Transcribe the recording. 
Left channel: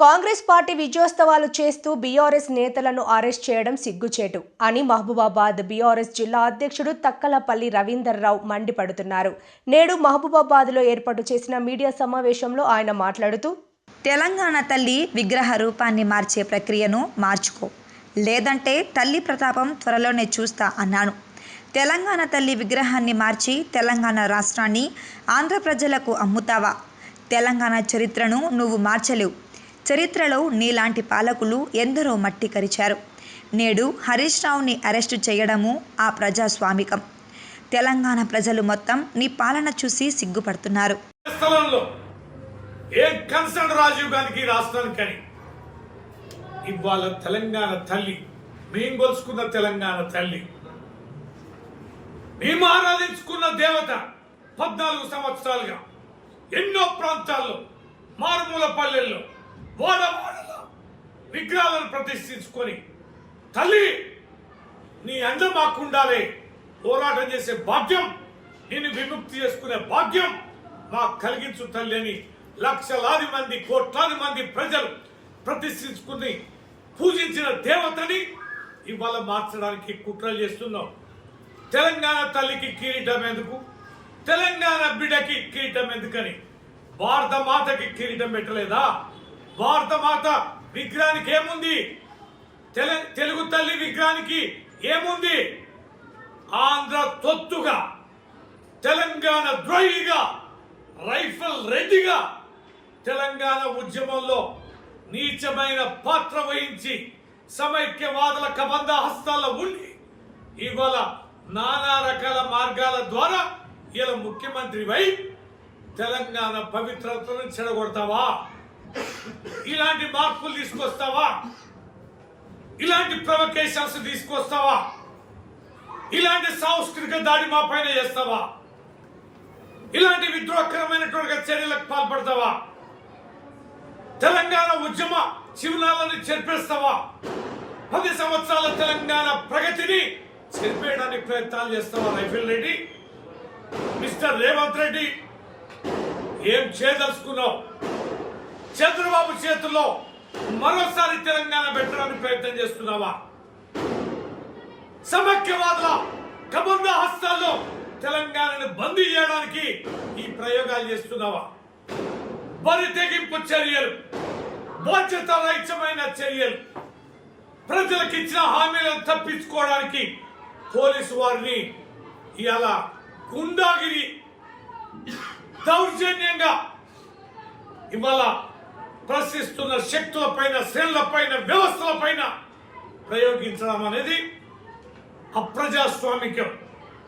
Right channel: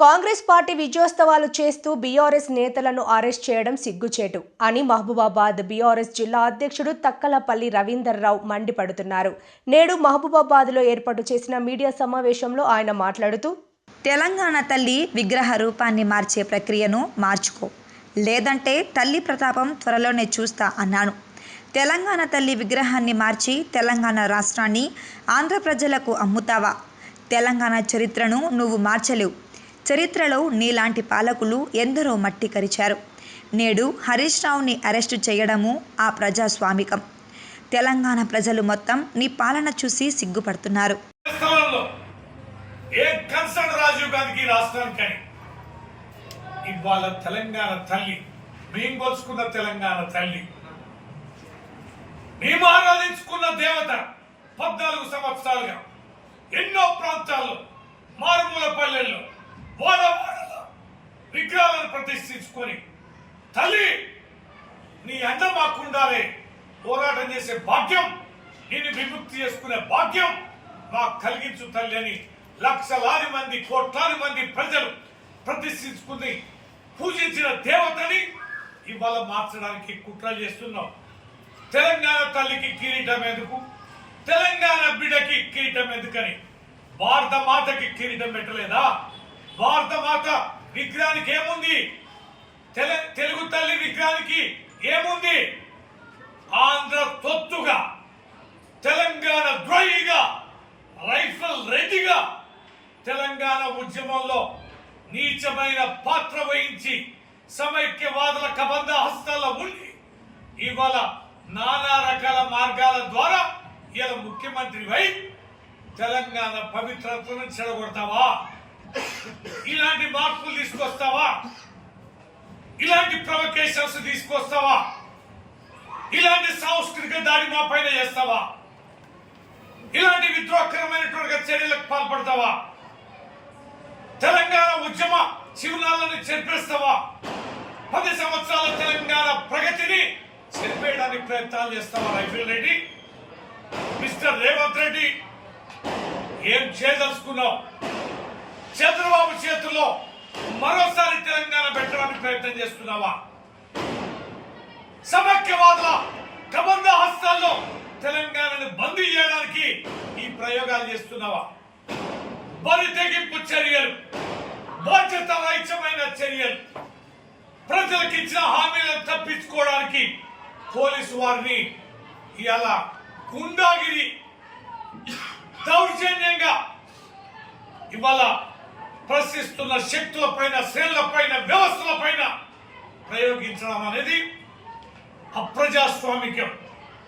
Congress party విజయోత్సవాలు చేస్తూ BRS నేతలను arrest చేయడం సిగ్గుచేటు అని మహబూబాబాద్ బీఆర్ఎస్ జిల్లా అధ్యక్షుడు తక్కలపల్లి రవీందర్రావు మండిపడుతున్నారు. నేడు మహబూబాబాద్లో ఏర్పాటు చేసిన మీడియా సమావేశంలో ఆయన మాట్లాడుతూ తెలంగాణ తల్లి విగ్రహ రూపాన్ని మార్చే ప్రక్రియను మార్చుకో. లేదంటే తల్లి ప్రతాపం త్వరలోనే చూస్తా అన్నాను. తెలంగాణ తల్లి విగ్రహాన్ని మార్చి తెలంగాణ రాష్ట్రాన్ని ఆంధ్ర ప్రజలకు అమ్ముతావా? తెలంగాణ చరిత్రను నువ్వు మార్చలేవు. చరిత్రలో నీలాంటి పాలకులు ఎందరో మట్టి కరిచారు. నేడు హరీష్ రావుని అరెస్టు చేయడము ఆ ప్రజాస్వామికం. తెలంగాణ ప్రజలు మొత్తం నీ పాలన చూసి సిగ్గుపడుతున్నారు. రాజీవ్ గాంధీకి ఈ రాష్ట్రానికని? ఇవాళ తెలంగాణ తల్లి మేము కొలుసుకున్న తెలంగాణ తల్లి మేము ఆరాధించుకున్న దేవత పద్నాలుగు సంవత్సరాలుగా ఎన్నో ప్రాంతాల్లో మారుమూల పల్లెల్లో ప్రతిష్ఠించుకొని తల్లి నీ అండ మాకుండాలి. పోరాటం చేసే భాగ్యం నిన్ను విముక్తి చేసుకునే భాగ్యం మాకు కలిగించు తల్లి అని లక్షలాది మంది కోట్లాది మంది ప్రజలు ప్రతిష్ఠించుకుని పూజించిన దేవతని ఇవాళ మార్చడానికి కుట్ర చేస్తున్నాం. తెలంగాణ తల్లికి కిరీటం ఎందుకు? తెలంగాణ బిడ్డకి కిరీటం ఎందుకని? భారత మాతకి కిరీటం పెట్టలేదా? భారత మాత విగ్రహానికి ఏముంది? తెలుగు తల్లి విగ్రహానికి ఏముంది? ఆంధ్ర తొత్తుగా తెలంగాణ ద్రోహిగా రైఫల్ రెడ్డిగా తెలంగాణ ఉద్యమంలో నీచమైన పాత్ర వహించి సమైక్యవాదుల కబంధ హస్తాల ఉండి ఇవాళ నానా రకాల మార్గాల ద్వారా ఇలా ముఖ్యమంత్రి వై తెలంగాణ పవిత్రతను చెడగొడతావా? ఇలాంటి మార్పులు తీసుకొస్తావా? ఇలాంటి ప్రొవకేషన్స్ తీసుకొస్తావా? ఇలాంటి సాంస్కృతిక దాడి మా పైన చేస్తావా? ఇలాంటి విద్రోహకరమైనటువంటి చర్యలకు పాల్పడతావా? తెలంగాణ ఉద్యమ శివనాలను చెరిపేస్తావా? పది సంవత్సరాల తెలంగాణ ప్రగతిని చెరిపేయడానికి ప్రయత్నాలు చేస్తావా రైఫిల్ రెడ్డి? మిస్టర్ రేవంత్ రెడ్డి ఏం చేయదలుచుకున్నావు? చంద్రబాబు చేతుల్లో మరోసారి తెలంగాణ పెట్టడానికి ప్రయత్నం చేస్తున్నావా? సమైక్యవాదుల కబంధ హస్తాల్లో తెలంగాణను బందీ చేయడానికి ఈ ప్రయోగాలు చేస్తున్నావా? బరి తెగింపు చర్యలు బాధ్యత రహితమైన చర్యలు ప్రజలకు ఇచ్చిన హామీలను తప్పించుకోవడానికి పోలీసు వారిని ఇలా గుండాగిరి దౌర్జన్యంగా ఇవాళ ప్రశ్నిస్తున్న శక్తులపైన శ్రేణులపైన వ్యవస్థలపైన ప్రయోగించడం అనేది అప్రజాస్వామికం.